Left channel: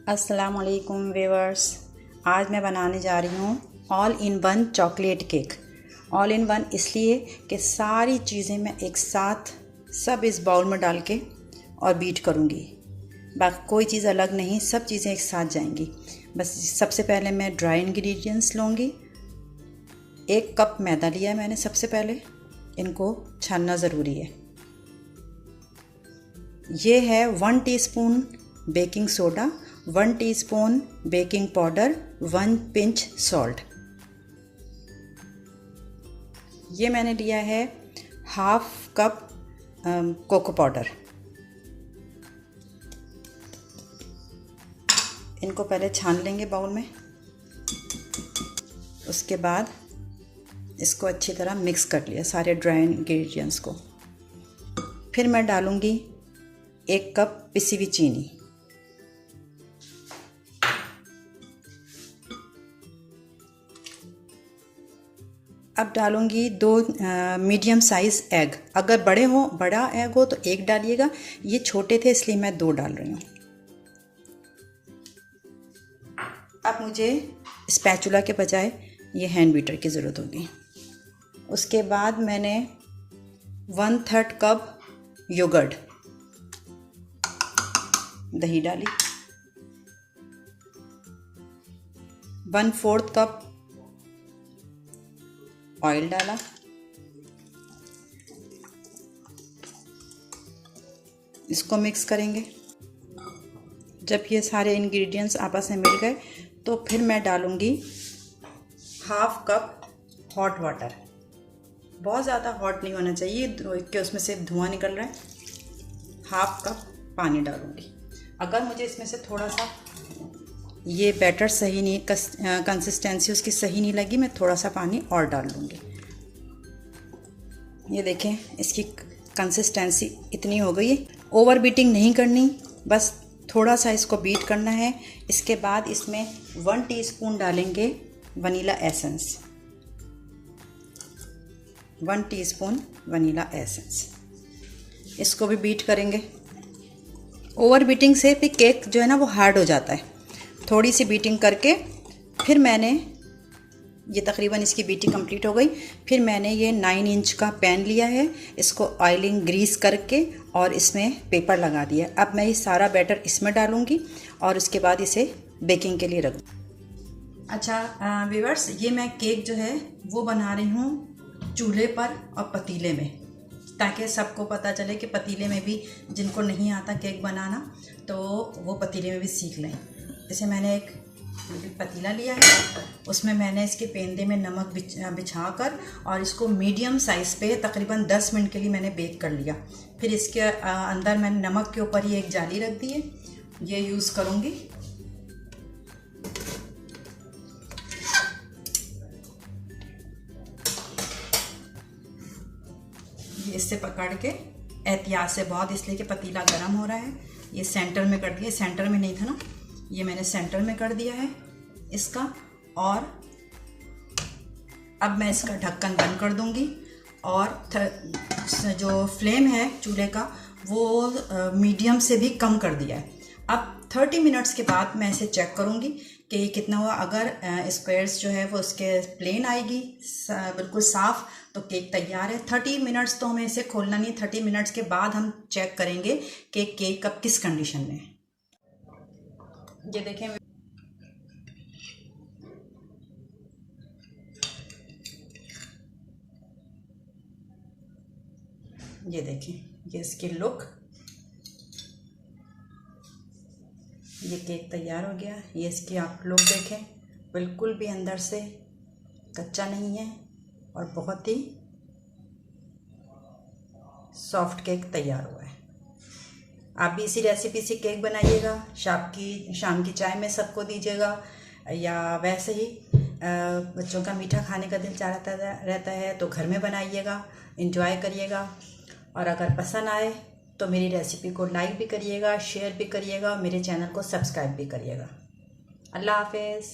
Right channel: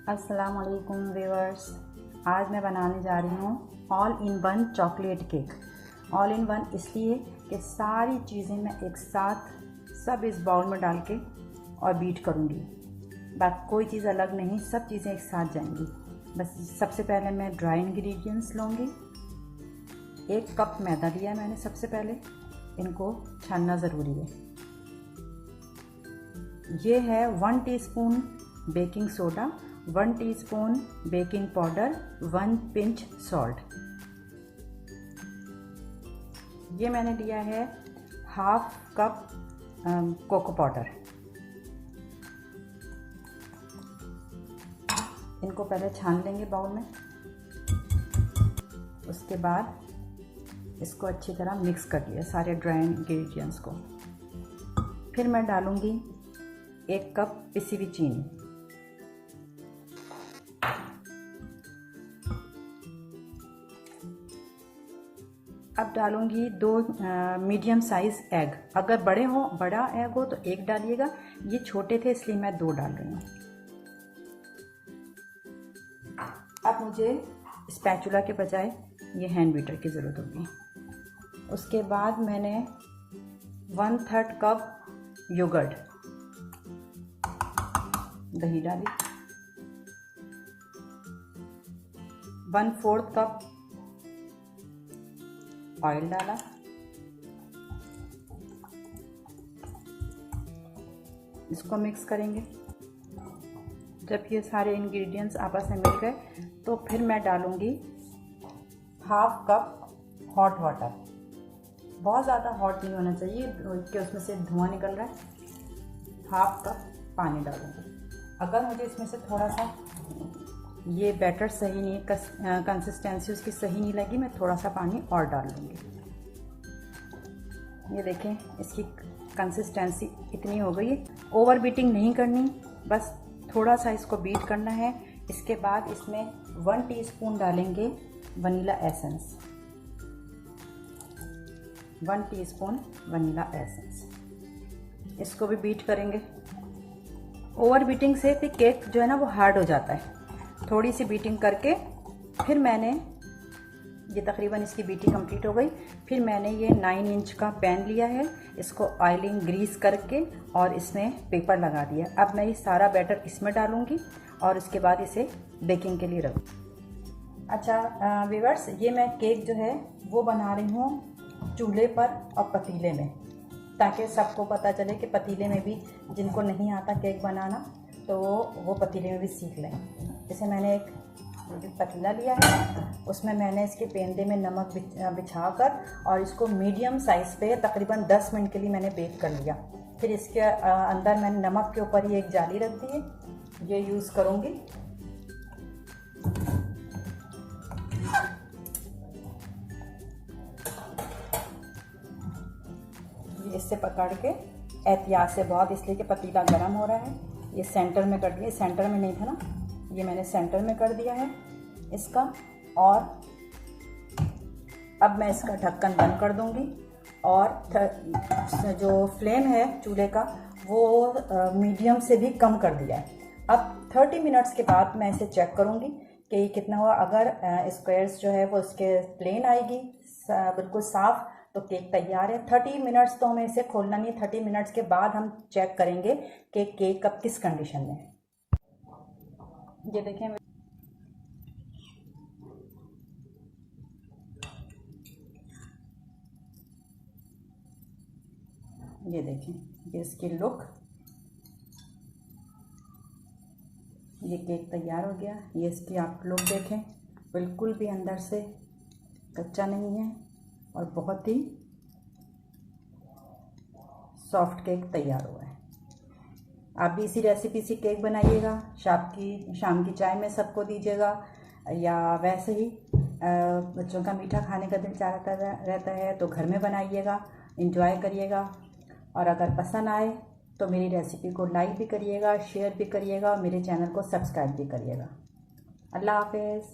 अस्सलाम वालेकुम व्यूअर्स। आज मैं बनाने जा रही हूँ all in one chocolate cake. All in one इसलिए कि सारी चीज़ें मैं एक साथ सब इस बाउल में डाल के और बीट करूँगी। बाकी कोई चीज़ अलग नहीं, सब चीज़ें एक साथ जाएंगी। बस सबसे पहले मैं ड्राई इंग्रेडिएंट्स लूँगी। 1 कप मैदा लिया है मैंने। सबसे पहले इनको छानना ज़रूरी है। ये है 1 teaspoon baking soda, 1 teaspoon baking powder, 1 pinch salt. ये मैंने लिया है हाफ कप कोको पाउडर। इनको पहले छान लेंगे बाउल में। उसके बाद इसको अच्छी तरह मिक्स कर लिया सारे ड्राई इंग्रेडिएंट्स को। फिर मैं डालूंगी 1 कप पिसी हुई चीनी। अब डालूंगी 2 मीडियम साइज़ एग। अगर बड़ा एग हो तो 1 डालिएगा। ये छोटे थे इसलिए मैं 2 डाल रही हूँ। अब मुझे स्पैचुला के बजाय ये हैंड बीटर की ज़रूरत होगी। उसके बाद मैंने 1/3 कप योगर्ट दही डाली, 1/4 कप ऑयल डाला, इसको मिक्स करेंगे। जब ये सारे इंग्रेडिएंट्स आपस में मिल गए तो फिर मैं डालूंगी हाफ कप हॉट वाटर। बहुत ज़्यादा हॉट नहीं होना चाहिए कि उसमें से धुआं निकल रहा है। हाफ कप पानी डालूंगी। अगर मुझे इसमें से थोड़ा सा ये बैटर सही नहीं, कंसिस्टेंसी उसकी सही नहीं लगी, मैं थोड़ा सा पानी और डाल लूँगी। ये देखें, इसकी कंसिस्टेंसी इतनी हो गई है। ओवर बीटिंग नहीं करनी, बस थोड़ा सा इसको बीट करना है। इसके बाद इसमें 1 टीस्पून डालेंगे vanilla essence. 1 teaspoon vanilla essence. इसको भी बीट करेंगे। ओवर बीटिंग से भी केक जो है ना वो हार्ड हो जाता है। थोड़ी सी बीटिंग करके फिर मैंने ये तकरीबन इसकी बीटिंग कंप्लीट हो गई। फिर मैंने ये 9 इंच का पैन लिया है। इसको ऑयलिंग ग्रीस करके और इसमें पेपर लगा दिया। अब मैं ये सारा बैटर इसमें डालूँगी और उसके बाद इसे बेकिंग के लिए रख। अच्छा व्यूअर्स, ये मैं केक जो है वो बना रही हूँ चूल्हे पर और पतीले में, ताकि सबको पता चले कि पतीले में भी जिनको नहीं आता केक बनाना तो वो पतीले में भी सीख लें। जैसे मैंने एक पतीला लिया है, उसमें मैंने इसके पेंदे में नमक बिछाकर और इसको मीडियम साइज़ पे तकरीबन 10 मिनट के लिए मैंने बेक कर लिया। फिर इसके अंदर मैंने नमक के ऊपर ही एक जाली रख दी है, ये यूज़ करूँगी। ये इससे पकड़ के एहतियात से बहुत, इसलिए कि पतीला गर्म हो रहा है। ये सेंटर में कर दिया, सेंटर में नहीं था ना, ये मैंने सेंटर में कर दिया है इसका। और अब मैं इसका ढक्कन बंद कर दूंगी और जो फ्लेम है चूल्हे का वो मीडियम से भी कम कर दिया है। अब 30 मिनट्स के बाद मैं इसे चेक करूंगी कि कितना हुआ। अगर स्क्वायर्स जो है वो उसके प्लेन आएगी बिल्कुल साफ़ तो केक तैयार है। 30 मिनट्स तो हमें इसे खोलना नहीं। 30 मिनट्स के बाद हम चेक करेंगे कि केक अब किस कंडीशन में है। ये देखें, ये देखें, ये इसकी लुक। ये केक तैयार हो गया। ये इसकी आप लुक देखें, बिल्कुल भी अंदर से कच्चा नहीं है और बहुत ही सॉफ्ट केक तैयार हुआ है। आप भी इसी रेसिपी से केक बनाइएगा, शाम की चाय में सबको दीजिएगा, या वैसे ही बच्चों का मीठा खाने का दिल चाहता रहता है तो घर में बनाइएगा, एंजॉय करिएगा। और अगर पसंद आए तो मेरी रेसिपी को लाइक भी करिएगा, शेयर भी करिएगा और मेरे चैनल को सब्सक्राइब भी करिएगा। अल्लाह हाफ़िज़।